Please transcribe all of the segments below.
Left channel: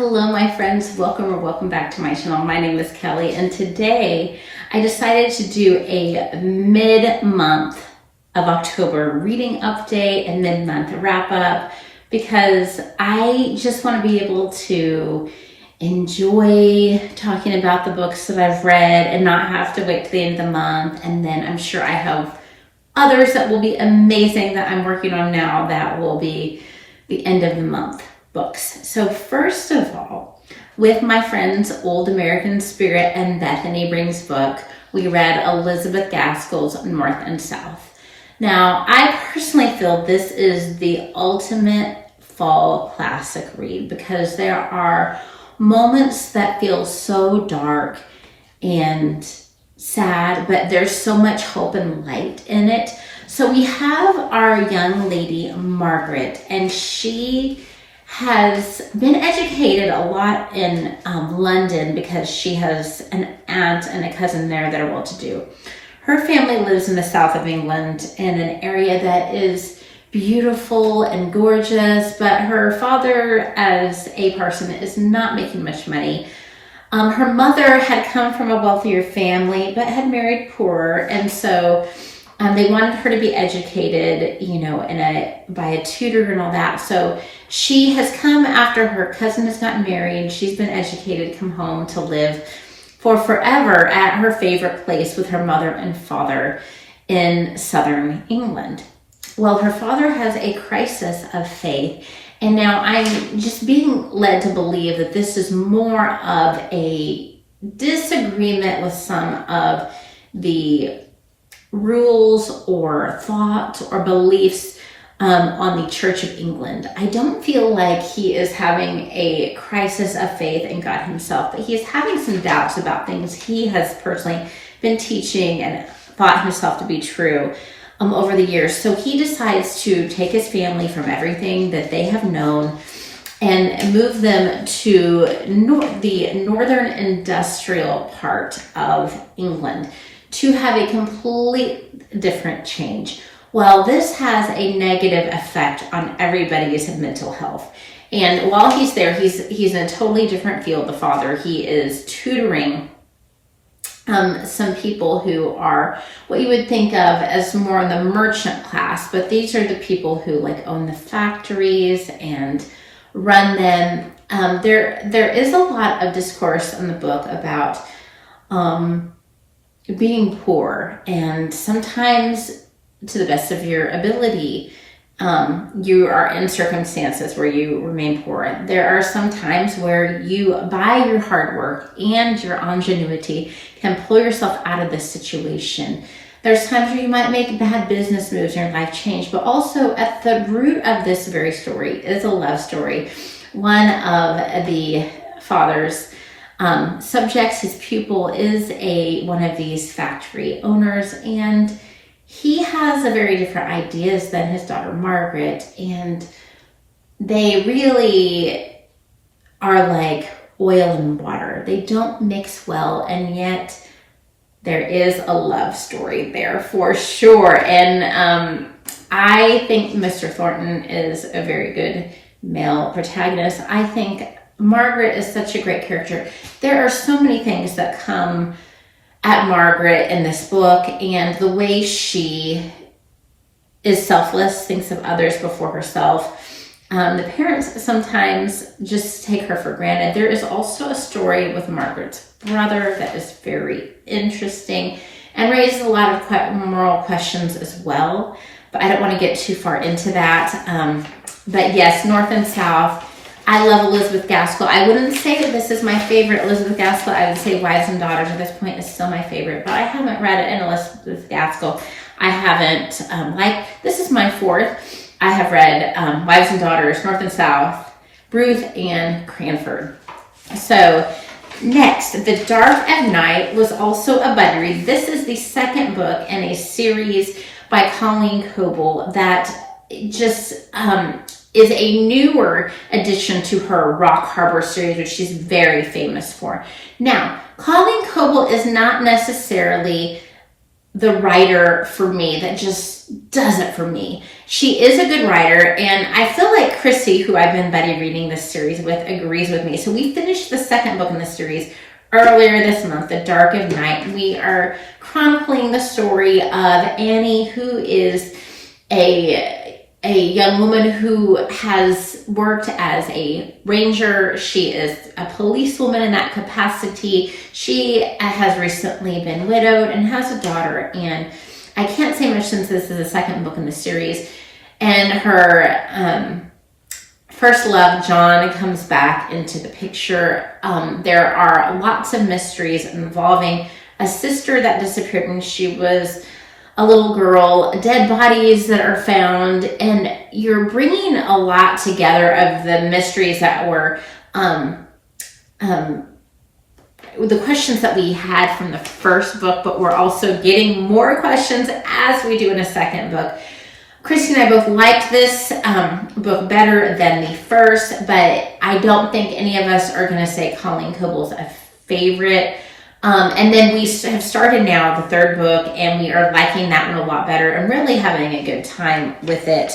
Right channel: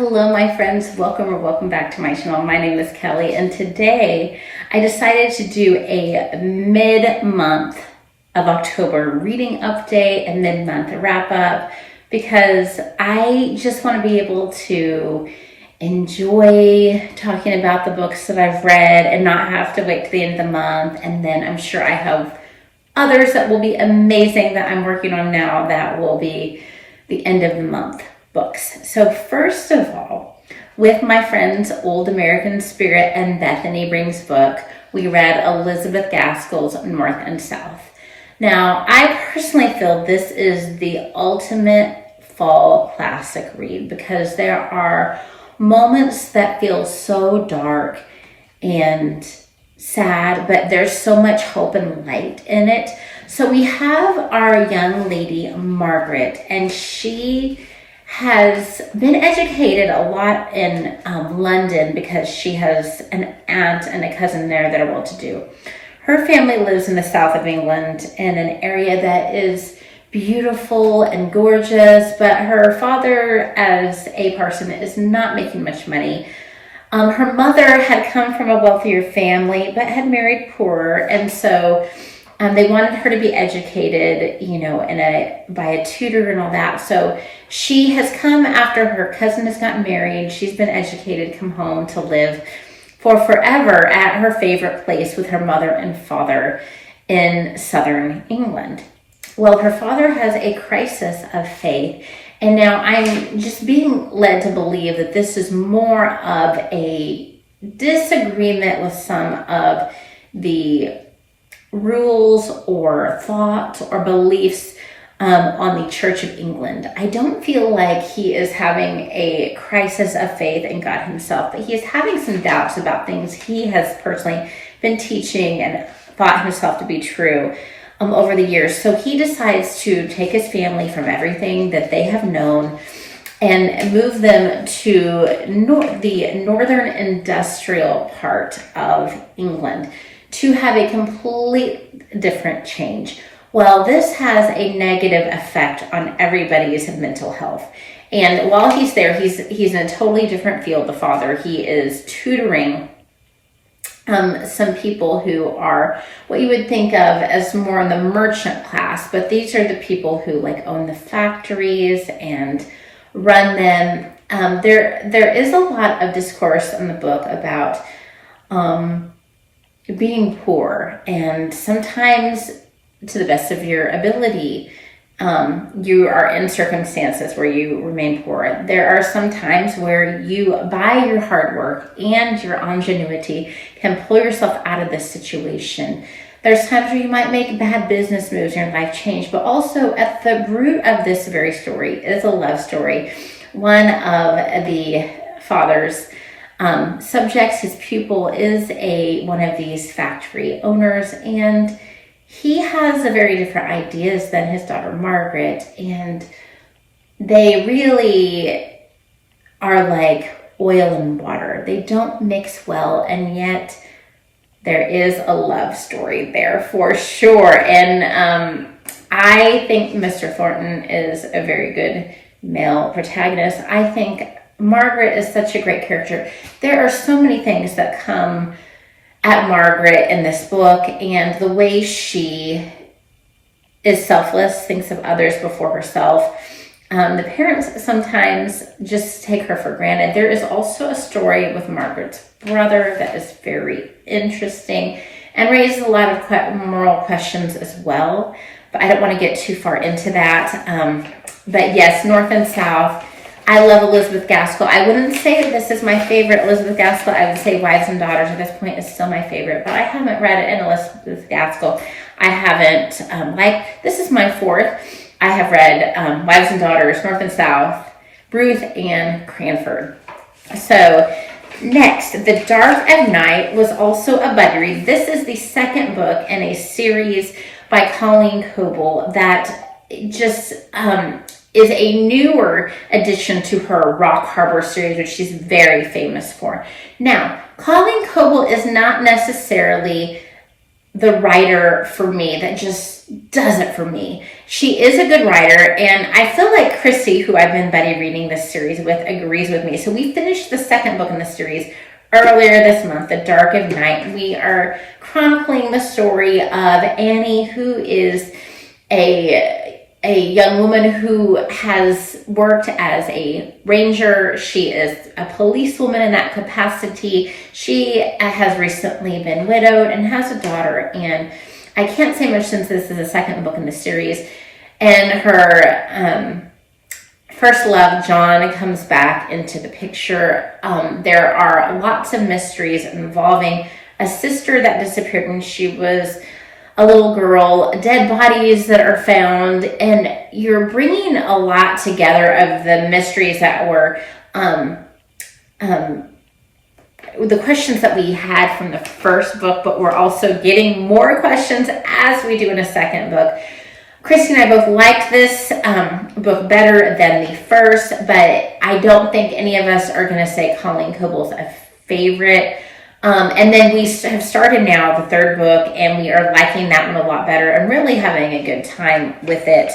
Hello my friends, welcome back to my channel. My name is Kelly and today I decided to do a mid-month of October reading update and mid-month wrap up because I just want to be able to enjoy talking about the books that I've read and not have to wait to the end of the month. And then I'm sure I have others that will be amazing that I'm working on now that will be the end of the month books. So first of all, with my friends Old American Spirit and Bethany Brings book, we read Elizabeth Gaskell's North and South. Now, I personally feel this is the ultimate fall classic read because there are moments that feel so dark and sad, but there's so much hope and light in it. So we have our young lady, Margaret, and she has been educated a lot in London because she has an aunt and a cousin there that are well-to-do. Her family lives in the south of England in an area that is beautiful and gorgeous, but her father as a person is not making much money. Her mother had come from a wealthier family but had married poorer, and so they wanted her to be educated, by a tutor and all that. So she has come after her cousin has gotten married. She's been educated, come home to live for forever at her favorite place with her mother and father in southern England. Well, her father has a crisis of faith, and now I'm just being led to believe that this is more of a disagreement with some of the rules or thoughts or beliefs on the Church of England. I don't feel like he is having a crisis of faith in God himself, but he is having some doubts about things he has personally been teaching and thought himself to be true over the years. So he decides to take his family from everything that they have known and move them to the northern industrial part of England to have a complete different change. Well, this has a negative effect on everybody's mental health. And while he's there, he's in a totally different field, the father. He is tutoring some people who are what you would think of as more in the merchant class, but these are the people who own the factories and run them. There is a lot of discourse in the book about being poor, and sometimes to the best of your ability, you are in circumstances where you remain poor. There are some times where you, by your hard work and your ingenuity, can pull yourself out of this situation. There's times where you might make bad business moves and your life change, but also at the root of this very story is a love story. One of the father's subjects, his pupil, is one of these factory owners, and he has a very different ideas than his daughter Margaret, and they really are like oil and water. They don't mix well, and yet there is a love story there for sure. And I think Mr. Thornton is a very good male protagonist. I think Margaret is such a great character. There are so many things that come at Margaret in this book, and the way she is selfless, thinks of others before herself. The parents sometimes just take her for granted. There is also a story with Margaret's brother that is very interesting and raises a lot of moral questions as well, but I don't want to get too far into that. But yes, North and South. I love Elizabeth Gaskell. I wouldn't say this is my favorite Elizabeth Gaskell. I would say Wives and Daughters at this point is still my favorite, but I haven't read it in Elizabeth Gaskell. I haven't, this is my fourth. I have read Wives and Daughters, North and South, Ruth, and Cranford. So next, The Dark of Night was also a buddy read. This is the second book in a series by Colleen Coble that just is a newer addition to her Rock Harbor series, which she's very famous for. Now, Colleen Coble is not necessarily the writer for me that just does it for me. She is a good writer, and I feel like Chrissy, who I've been buddy reading this series with, agrees with me. So we finished the second book in the series earlier this month, The Dark of Night. We are chronicling the story of Annie, who is a young woman who has worked as a ranger. She is a policewoman in that capacity. She has recently been widowed and has a daughter, and I can't say much since this is the second book in the series. And her first love, John, comes back into the picture. There are lots of mysteries involving a sister that disappeared when she was a little girl, dead bodies that are found, and you're bringing a lot together of the mysteries that were the questions that we had from the first book, but we're also getting more questions as we do in a second book. Christy and I both liked this book better than the first, but I don't think any of us are going to say Colleen Coble's a favorite. And then we have started now the third book, and we are liking that one a lot better and really having a good time with it.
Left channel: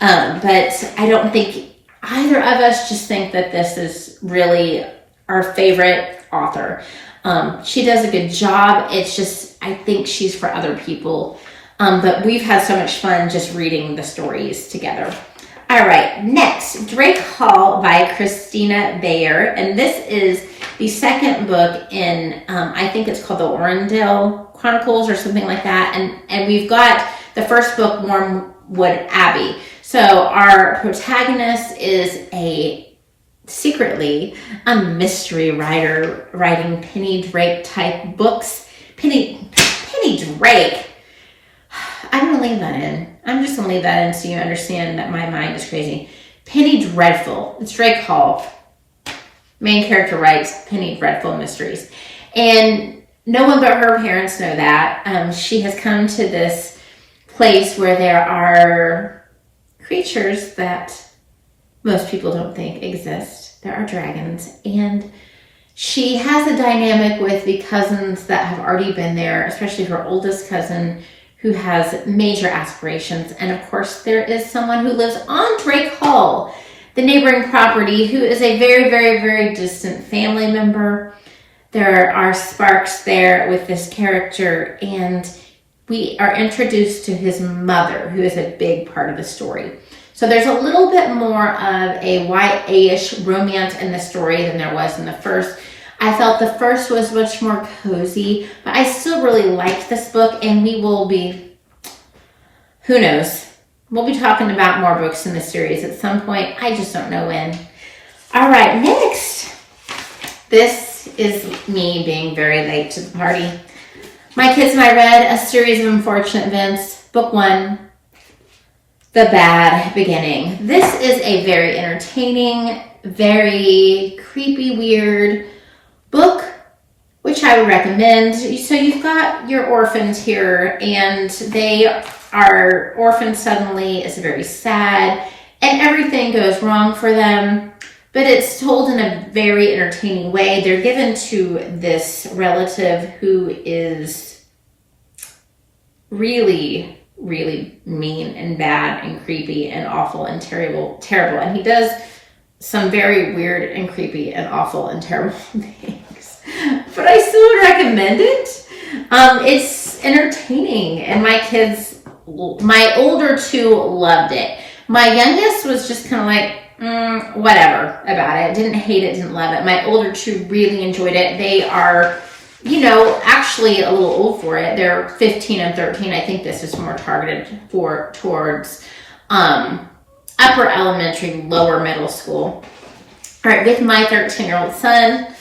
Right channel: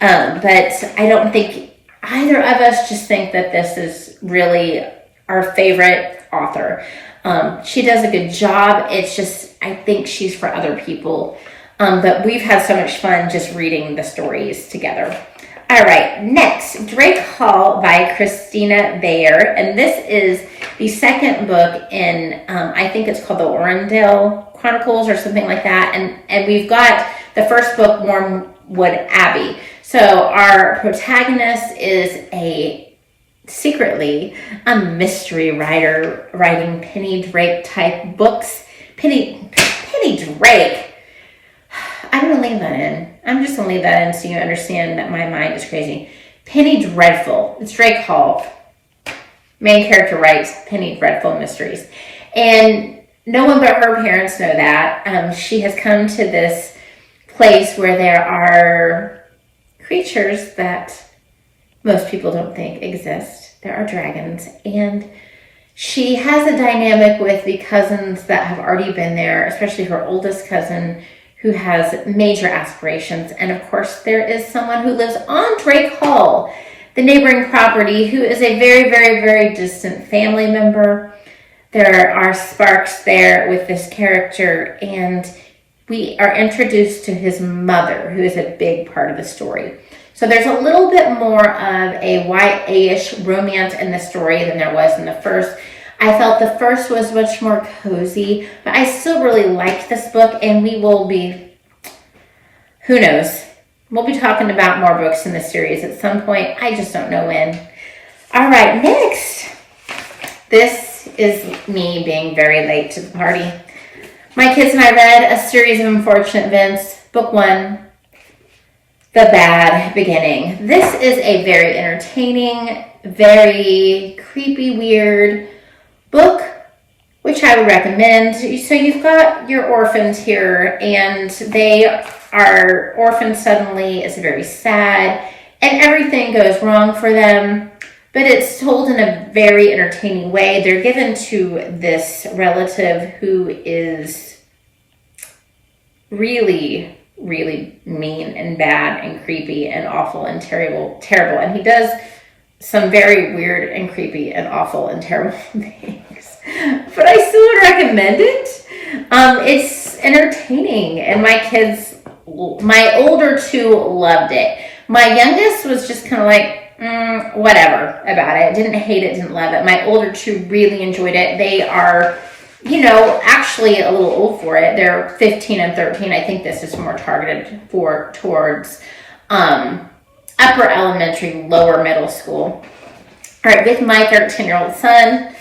But I don't think either of us just think that this is really our favorite author. She does a good job. It's just, I think she's for other people. But we've had so much fun just reading the stories together. All right, next, Drake Hall by Christina Baehr. And this is the second book in, I think it's called the Orendale Chronicles or something like that. And we've got the first book, Wormwood Abbey. So our protagonist is secretly a mystery writer writing Penny Drake type books. Penny Drake. I'm going to leave that in. I'm just going to leave that in so you understand that my mind is crazy. Penny Dreadful. It's Drake Hall. Main character writes Penny Dreadful mysteries. And no one but her parents know that. She has come to this place where there are creatures that most people don't think exist. There are dragons. And she has a dynamic with the cousins that have already been there, especially her oldest cousin, who has major aspirations. And of course, there is someone who lives on Drake Hall, the neighboring property, who is a very, very, very distant family member. There are sparks there with this character, and we are introduced to his mother, who is a big part of the story. So there's a little bit more of a YA-ish romance in the story than there was in the first. I felt the first was much more cozy, but I still really liked this book, and we will be, who knows, we'll be talking about more books in the series at some point. I just don't know when. All right, next. This is me being very late to the party. My kids and I read A Series of Unfortunate Events, Book 1, The Bad Beginning. This is a very entertaining, very creepy, weird book, which I would recommend. So you've got your orphans here, and they are orphans suddenly. It's very sad, and everything goes wrong for them, but it's told in a very entertaining way. They're given to this relative who is really, really mean and bad and creepy and awful and terrible, and he does some very weird and creepy and awful and terrible things. But I still would recommend it. It's entertaining, and my older two loved it. My youngest was just kind of like, whatever about it. Didn't hate it, didn't love it. My older two really enjoyed it. They are, actually a little old for it. They're 15 and 13. I think this is more targeted towards upper elementary, lower middle school. All right, with my 13-year-old son,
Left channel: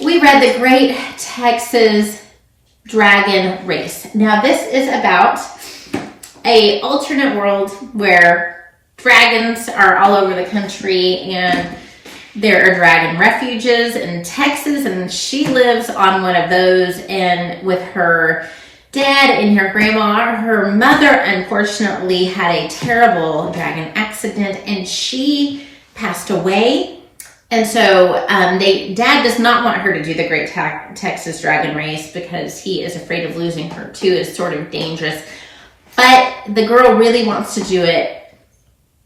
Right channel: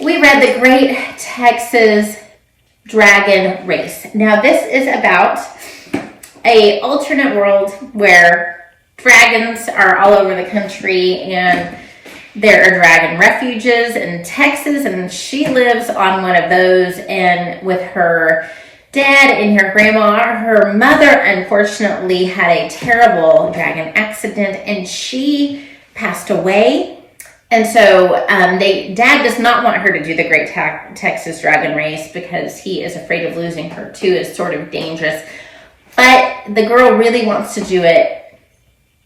we read The Great Texas Dragon Race. Now, this is about an alternate world where dragons are all over the country, and there are dragon refuges in Texas, and she lives on one of those, and with her dad and her grandma. Her mother, unfortunately, had a terrible dragon accident, and she passed away And so Dad does not want her to do the Great Texas Dragon Race because he is afraid of losing her too. It's sort of dangerous. But the girl really wants to do it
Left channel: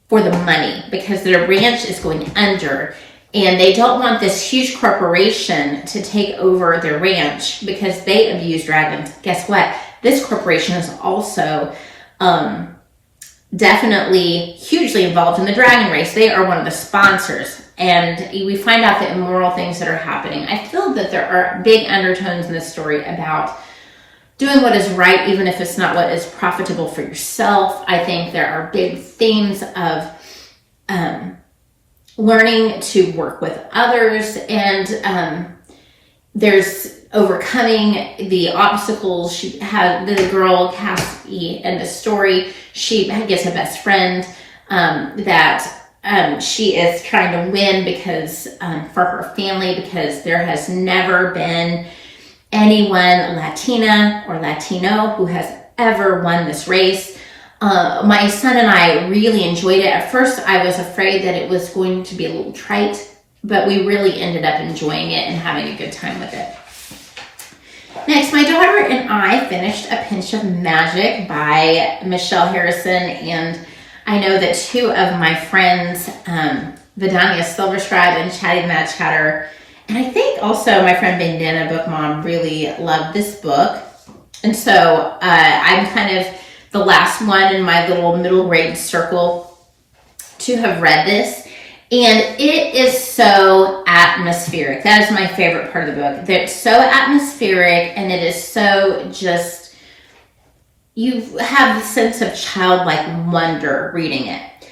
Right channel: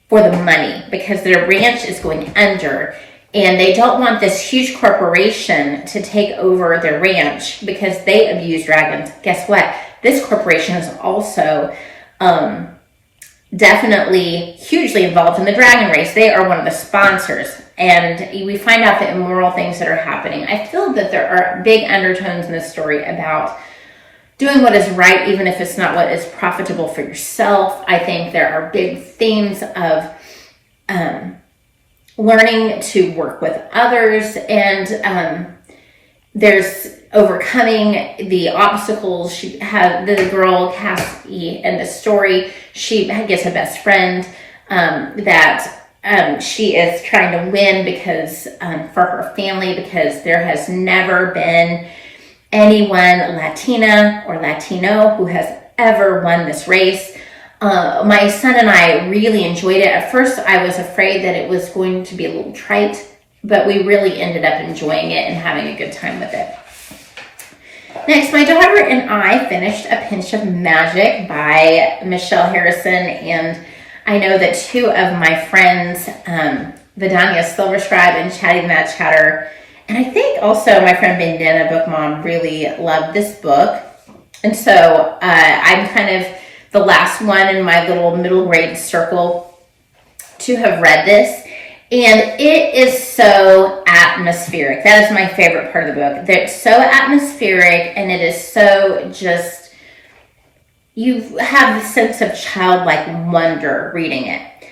for the money because their ranch is going under. And they don't want this huge corporation to take over their ranch because they abuse dragons. Guess what? This corporation is also definitely hugely involved in the dragon race. They are one of the sponsors. And we find out the immoral things that are happening. I feel that there are big undertones in this story about doing what is right, even if it's not what is profitable for yourself. I think there are big themes of learning to work with others, and there's overcoming the obstacles. She had the girl Kacy in the story. She gets a best friend that she is trying to win because for her family, because there has never been anyone Latina or Latino who has ever won this race. My son and I really enjoyed it. At first, I was afraid that it was going to be a little trite, but we really ended up enjoying it and having a good time with it. Next, my daughter and I finished A Pinch of Magic by Michelle Harrison, and I know that two of my friends, Vidania Silverscribe and Chatty Mad Chatter, and I think also my friend Bandana Book Mom really loved this book. And so I'm kind of the last one in my little middle grade circle to have read this. And it is so atmospheric. That is my favorite part of the book. It's so atmospheric, and it is so just, you have the sense of childlike wonder reading it.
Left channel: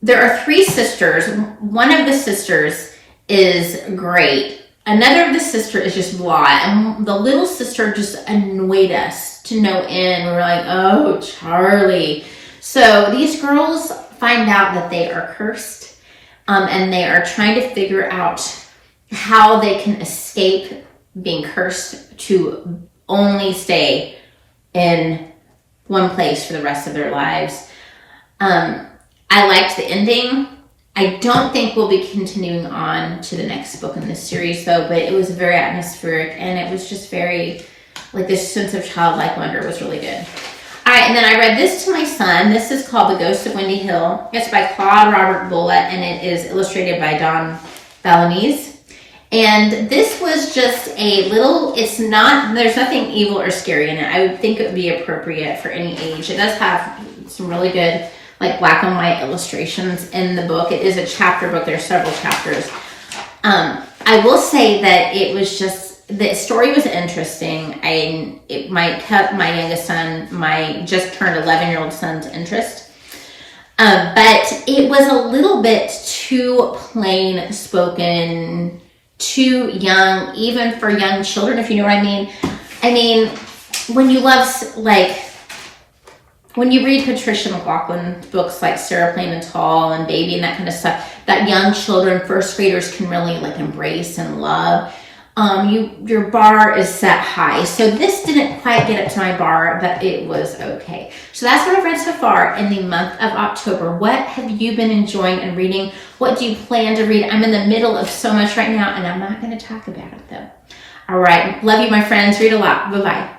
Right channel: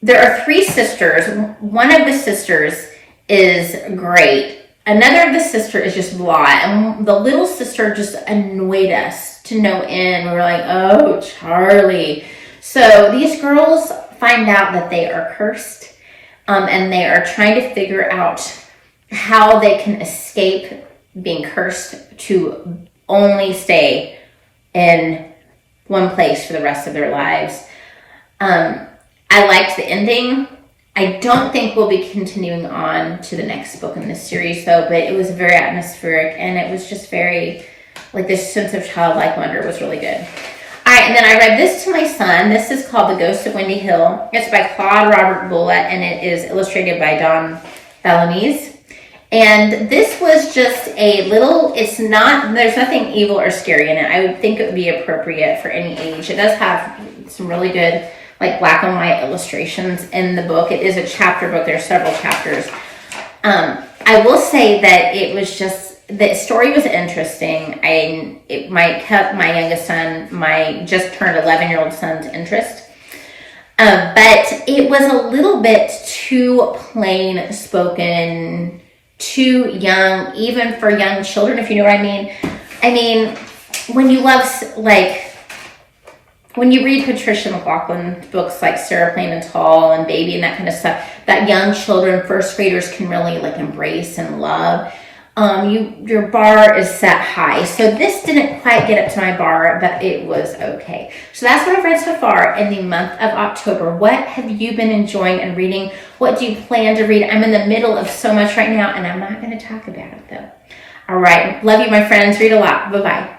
There are three sisters. One of the sisters is great. Another of the sister is just blah. And the little sister just annoyed us to no end. We're like, oh, Charlie. So these girls find out that they are cursed. And they are trying to figure out how they can escape being cursed to only stay in one place for the rest of their lives. I liked the ending. I don't think we'll be continuing on to the next book in this series, though, but it was very atmospheric, and it was just very, like, this sense of childlike wonder was really good. All right, and then I read this to my son. This is called The Ghost of Windy Hill. It's by Claude Robert Bullitt, and it is illustrated by Don Bolognese. And this was just a little, it's not, there's nothing evil or scary in it. I would think it would be appropriate for any age. It does have some really good, like, black and white illustrations in the book. It is a chapter book. There are several chapters. I will say that it was just, the story was interesting. It might kept my youngest son, my just turned 11-year-old son's interest. But it was a little bit too plain spoken, too young, even for young children, if you know what I mean. I mean, when you love, like, when you read Patricia McLaughlin's books like Sarah Plain and Tall and Baby and that kind of stuff, that young children, first graders can really, like, embrace and love. Your bar is set high. So this didn't quite get up to my bar, but it was okay. So that's what I've read so far in the month of October. What have you been enjoying and reading? What do you plan to read? I'm in the middle of so much right now, and I'm not going to talk about it, though. All right. Love you, my friends. Read a lot. Bye-bye.